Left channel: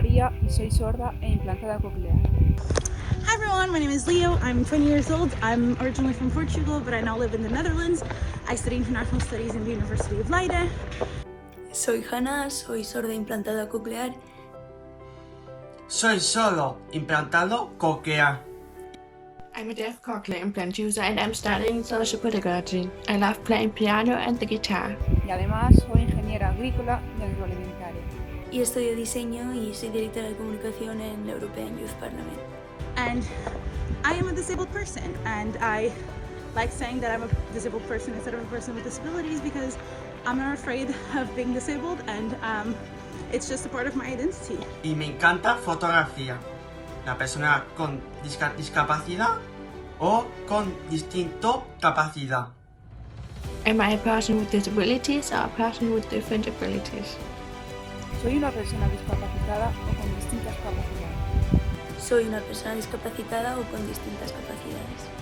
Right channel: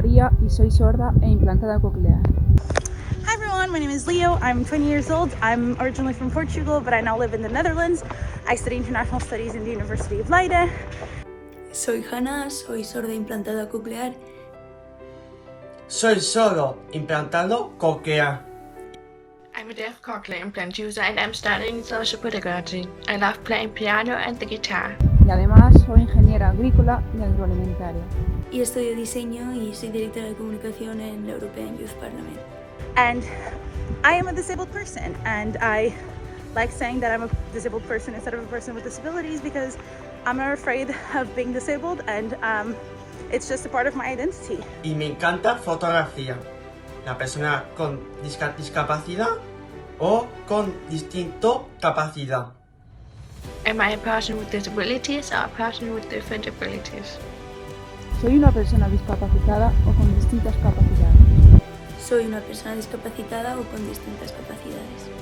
María y soy sorda e implantada coclear. Hi everyone, my name is Leo. I'm 20 years old. I'm originally from Portugal, but I now live in the Netherlands. I study international studies in the University of Leiden. Soy Hannah, soy sorda implantada coclear. Soy sordo implantado coclear. I'm a deaf cochlear implant user and I'm studying social pedagogy. I love playing piano and the guitar. Y además soy ingeniera agrícola y agroalimentaria. Y estudio diseño y soy directora de comunicación en la European Youth Parliament. And I am a disabled person, and I like saying that I'm a disabled person instead of a person with disabilities because I'm not afraid of being disabled, and it's just a part of my identity. Y me encanta fotografía. La persona con discapacidad o con distinto capacidad. Am I a person with disabilities or a person with different abilities? Soy una persona discapacitada o con distintas capacidades. Soy una persona discapacitada o con distintas capacidades.